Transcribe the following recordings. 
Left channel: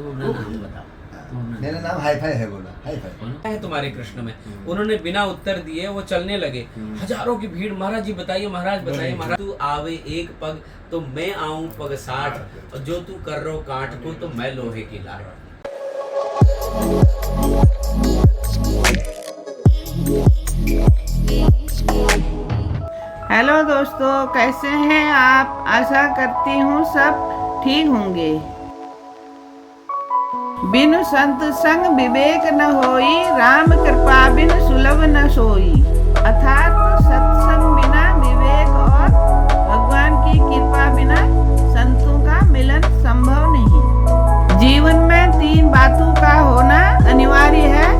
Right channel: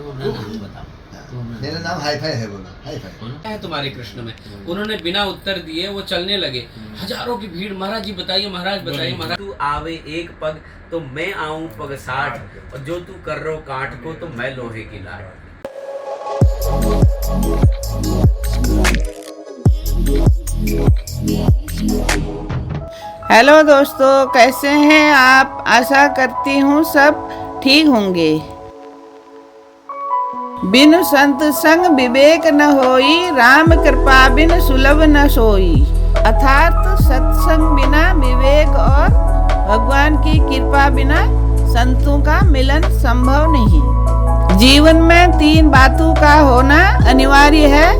तो अपना नाम बताओ। मेरा नाम हाई फाई है, बोलो हाई फाई। है तुम्हारे कृष्ण में। उन्होंने बिना उत्तर दिए वो चलने लगे। हजारों की भीड़, महाराज जी बताइए, महाराज बताइए, महाराज तू आवे एक पग तो मैं आऊं पग 60, और जो तू कर रो काठ को तो मैं लोहे की लाट। हेलो दोस्तों, कैसे हैं आप? आशा करती हूँ सब ठीक होंगे। बिन संत संग विवेक न होई, राम कृपा बिन सुलभ न सोई। अर्थात सत्संग बिना विवेक और भगवान की कृपा बिना संतों का मिलन संभव नहीं। जीवन में 3 बातों का होना अनिवार्य है:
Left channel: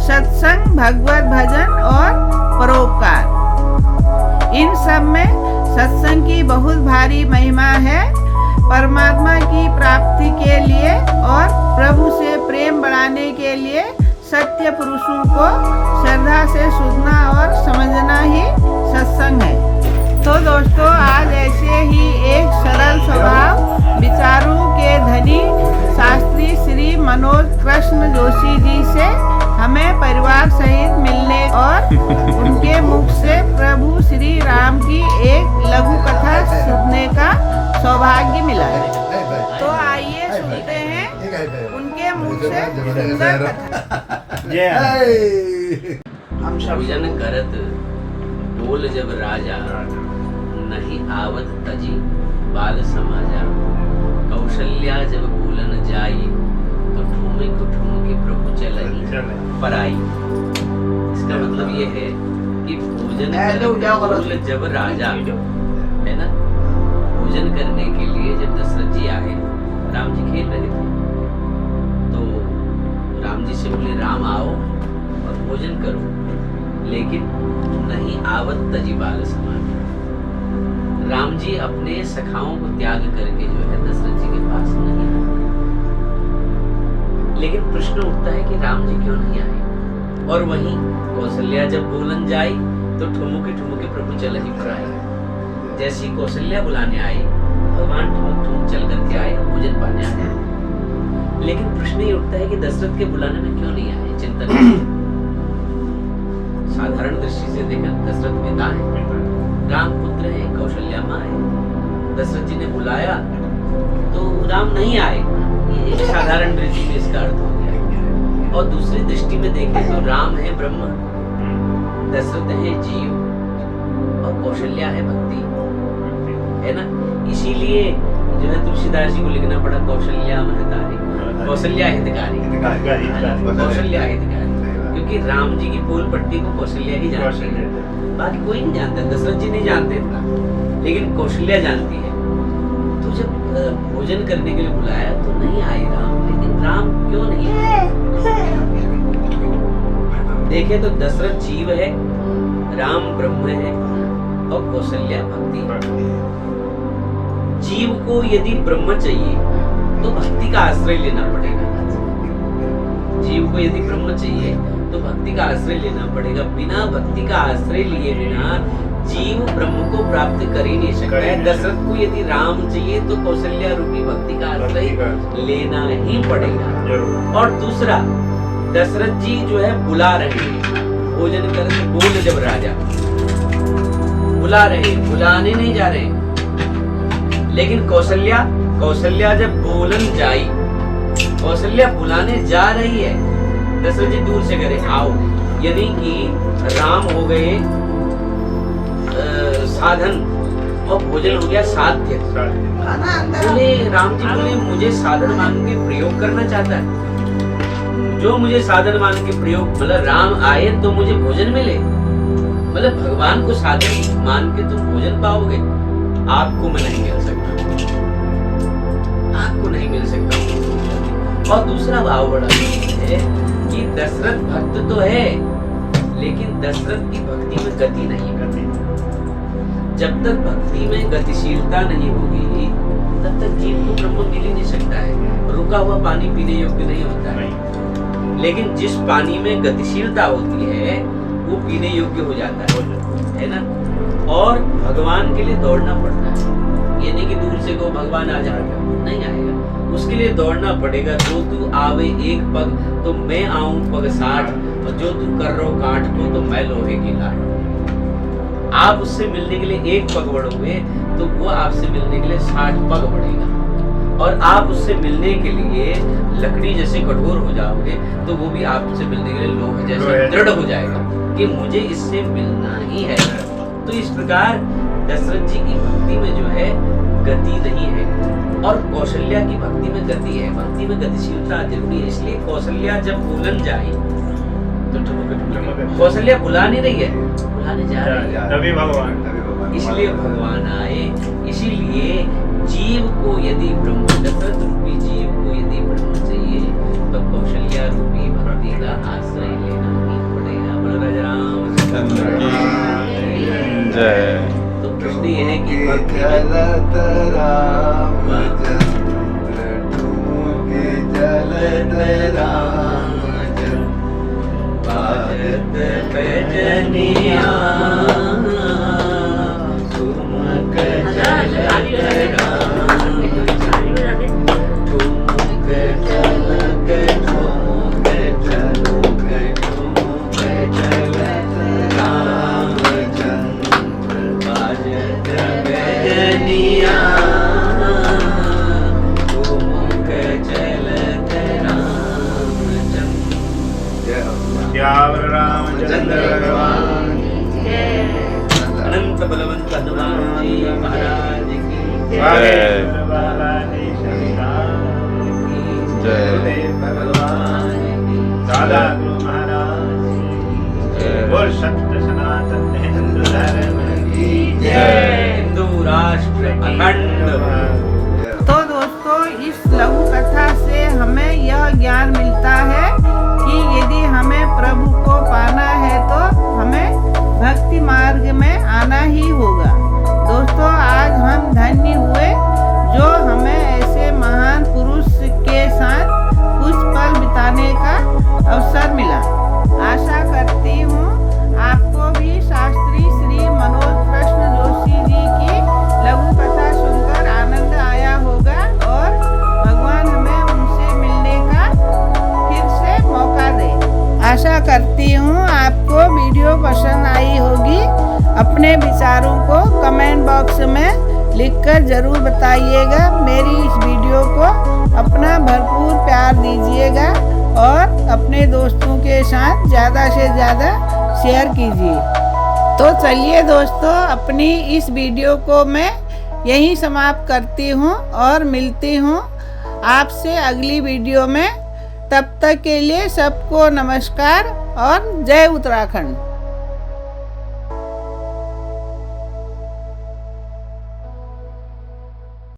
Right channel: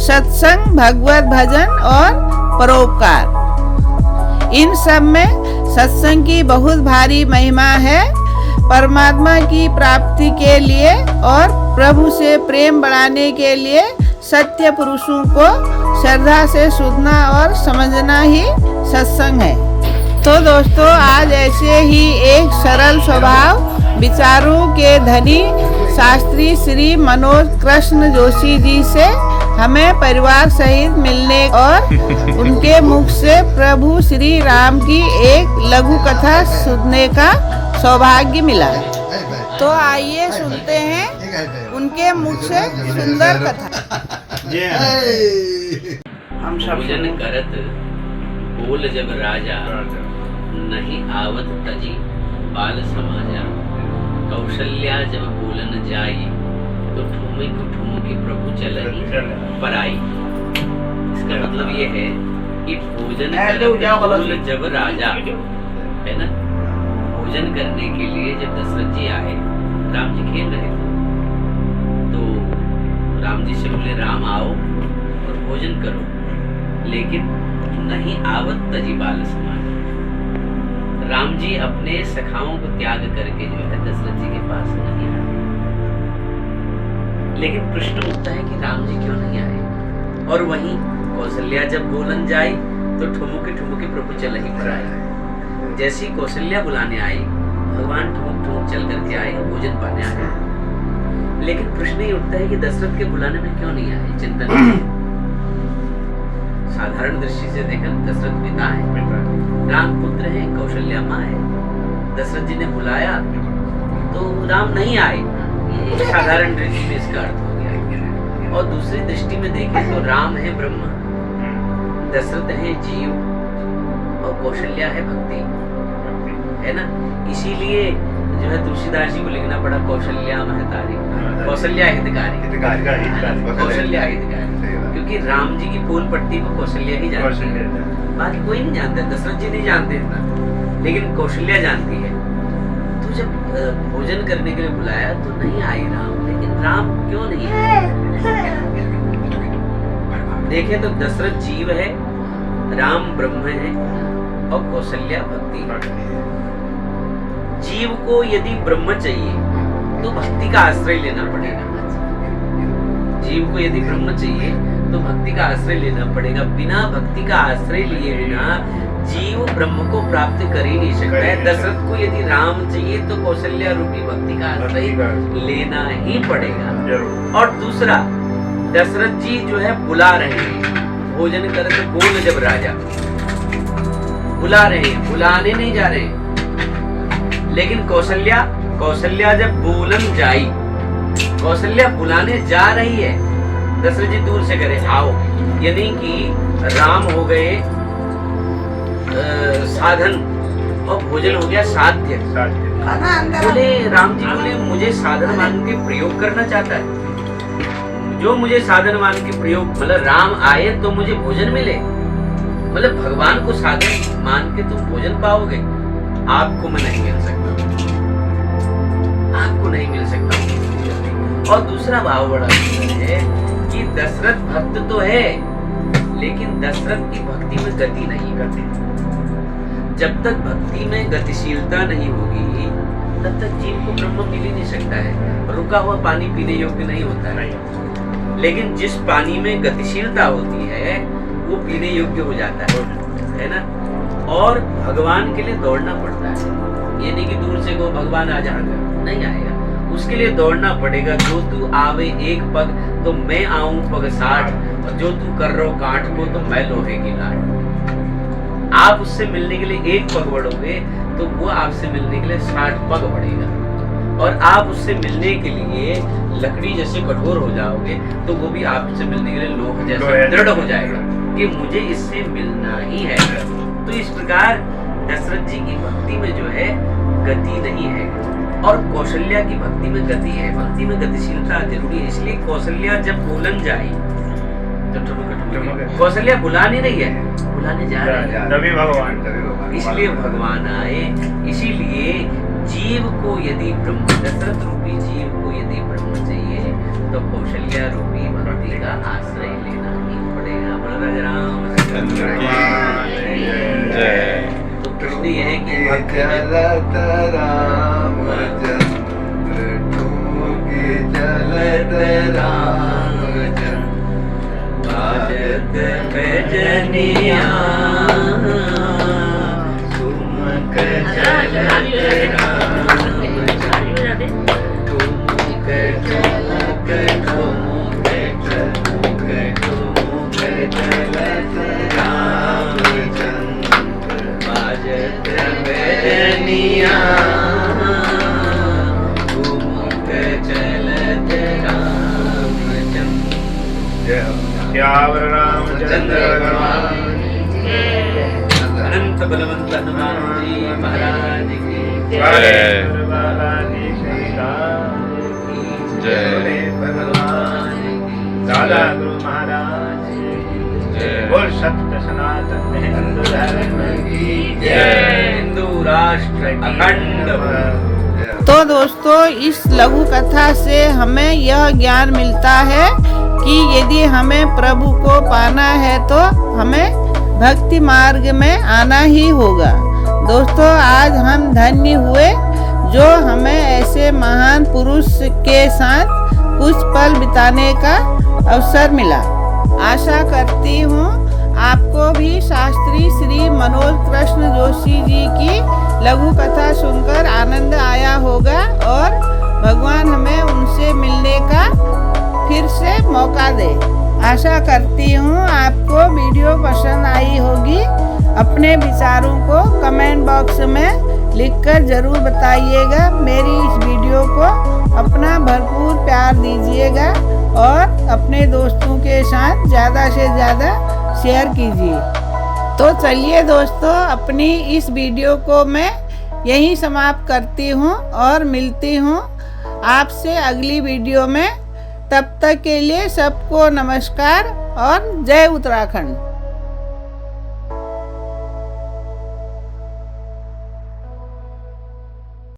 सत्संग, भगवत भजन और परोपकार। इन सब में सत्संग की बहुत भारी महिमा है। परमात्मा की प्राप्ति के लिए और प्रभु से प्रेम बढ़ाने के लिए सत्य पुरुषों को श्रद्धा से सुनना और समझना ही सत्संग है। तो दोस्तों, आज ऐसे ही एक सरल स्वभाव विचारों के धनी शास्त्री श्री मनोज कृष्ण जोशी जी से हमें परिवार सहित मिलने और उनके मुख से प्रभु श्री राम की एक लघु कथा सुनने का सौभाग्य मिला। तो आइए सुनते हैं उनके मुख से सुंदर कथा। भोजन करत बोल जब राजा, नहीं आवत तजी बाल समाजा। कौशल्या जब बोलन जाई, तो ठूमे को ठुमके प्रभु चलही पराई। इसका मतलब ये है कि भोजन करत बोल जब राजा, है ना। भोजन करने के लिए जब दशरथ जी आए, राम जी खेल रहे थे, तो राम जी से बोले राम आओ और भोजन करो, लेकिन नहीं आवत तजी बाल समाज। राम जी अपने सखाओं को त्याग करके जो है दशरथ जी के पास नहीं आए। लेकिन प्रश्न उठता है कि राम जी क्यों नहीं आए। और वहीं कौशल्या जब बोलन जाए, तो ठुमुके ठुमुके प्रभु चलहि पराई। जैसी कौशल्या बुलाने आई, भगवान ठुमुक ठुमुक चल करके आए और भोजन पाने आ गए। लेकिन प्रश्न ये उठता है कि दशरथ के बुलाने में क्यों नहीं आए। चिंतन साधारण दृष्टि से देखकर दशरथ पिता है, राम पुत्र है, कौशल्या माँ है। दशरथ जी ने बुलाया तो राम नहीं आए, ये साधारण दृष्टि में इसका अर्थ हो गया। और दूसरी दृष्टि में देखें तो राम है ब्रह्म, दशरथ है जीव और कौशल्या है भक्ति, है ना। इसीलिए जो है तुलसीदास जी को लिखना पड़ा कौशल्या महतारी, कौशल्या हितकारी, कौशल्या हितकारी, क्योंकि राम जी की फूल पट्टी को कौशल्या ही जानती है, बाकी कोई नहीं जानता। दशरथ जी नहीं जानते इतना, लेकिन कौशल्या जानती है। तो जब भोजन करने के लिए बुलाया तो नहीं आए राम। लेकिन राम क्यों नहीं आए? देखे तो दशरथ जीव है, राम ब्रह्म है और कौशल्या भक्ति है। जीव को यदि ब्रह्म चाहिए तो भक्ति का आश्रय लेना पड़ेगा। जीव को यदि ब्रह्म चाहिए तो भक्ति का आश्रय लेना पड़ेगा। बिना भक्ति का आश्रय लिए बिना जीव ब्रह्म को प्राप्त कर ही नहीं सकता है। दशरथ को यदि राम चाहिए तो कौशल्या रूपी भक्ति का आश्रय लेना ही पड़ेगा। और दूसरा, दशरथ जी जो है बुला रहे हैं, भोजन कर तो बोल जब राजा, बुला रहे हैं, बुलाने नहीं जा रहे। लेकिन कौशल्या जब बोलन जाई, कौशल्या बुलाने जा रही है, दशरथ जी दूर से करे आओ, यानी कि राम हो गए साधन और भोजन हो गया साध्य। बोले राम जी बोले मुझे साधन मान के प्रयोग करना चाहता है। जो मुझे साधन मान के प्रयोग, मतलब राम आए तो मुझे भोजन मिले, मतलब भगवान को साधन मान के तुम भोजन पाओगे। आपको मैं नहीं मिल सकता, आपको नहीं मिल सकता। और दूसरा भाव बड़ा सुंदर है कि दशरथ भक्त तो है, लेकिन दशरथ की भक्ति में गति नहीं है। जब तक भक्ति में गतिशीलता नहीं होगी, तब तक जीव को ब्रह्म मिल ही नहीं सकता है। रुका हुआ पानी पीने योग्य नहीं होता है। लेकिन जिस पानी में गतिशीलता होती है वो पीने योग्य हो जाता है ना। और भगवान के लिए दौड़ना पड़ता है। ये नहीं कि दूर से को भगवान आ जाएगा, नहीं आएगा। उसके लिए दौड़ना पड़ेगा। जो तू आवे एक पग तो मैं आऊं पग 60, और जो तू कर रो काठ को तो मैं लोहे की लाट। आप उससे मिलने के लिए एक पग बढ़ोगे तो वो आपसे मिलने के लिए 60 पग बढ़ेगा, और आप उससे मिलने के लिए लकड़ी जैसे कठोर हो जाओगे तो वो भी आपसे मिलने के लिए लोह जैसा दृढ़ हो जाएगा कि मुझे इससे मिलना ही है। तो इस प्रकार दशरथ जी की भक्ति में जो है गति नहीं है, और कौशल्या की भक्ति में गति है। भक्ति में गतिशीलता जरूरी है, इसलिए कौशल्या जब बोलन जाए तो ठुमक कौशल्या बुला नहीं रही है, बुलाने जा रही है, तभी भगवान, इसलिए भगवान आए। इसीलिए जीव को यदि ब्रह्म, दशरथ रूपी जीव को यदि ब्रह्म चाहिए तो कौशल्या रूपी भक्ति का आश्रय लेना ही पड़ेगा। बोलो राजा रामचंद्र की जय। तो प्रश्न ये है कि भक्ति में चलत रामचंद्र ठुमकी चलत रामचंद्र बाजत बजनिया ठुमक चलत रामचंद्र ठुमक चलत ठुमक ठुमक ठुमक चलत रामचंद्र बाजत बजनिया ठुमक चलत रामचंद्र। जय हो श्यावर रामचंद्र भगवान अनंत बलवंत हनुमान जी महाराज की जय। बाबा की जय। भगवान की दादा गुरु महाराज की जय। बोल सत्य सनातन हिंदू धर्म की जय। हिंदू राष्ट्र अखंड हो। जय हो। तो दोस्तों, इस लघु कथा से हमें यह ज्ञान मिलता है कि यदि हमें प्रभु को पाना है तो हमें भक्ति मार्ग में आना ही होगा। दोस्तों, आज हम धन्य हुए जो हमें ऐसे महान पुरुष के साथ कुछ पल बिताने का अवसर मिला। आशा करती हूँ आपको भी शास्त्री श्री मनोज कृष्ण जोशी जी की लघु कथा सुनकर आनंद आया होगा, और भगवान हमें उनसे मिलने का फिर से मौका दे। आशा करती हूँ आपको वीडियो पसंद आई होगी। अपने विचारों को कमेंट बॉक्स में लिखकर जरूर बताइएगा। मेरी इस वीडियो को अपना भरपूर प्यार दीजिएगा और अपने दोस्तों के साथ ज़्यादा से ज़्यादा शेयर कीजिए। तो चलिए दोस्तों, अपनी इस वीडियो को मैं यहीं समाप्त करती हूँ और मिलती हूँ आपसे अगली वीडियो में। तब तक के लिए सबको नमस्कार और जय उत्तराखंड।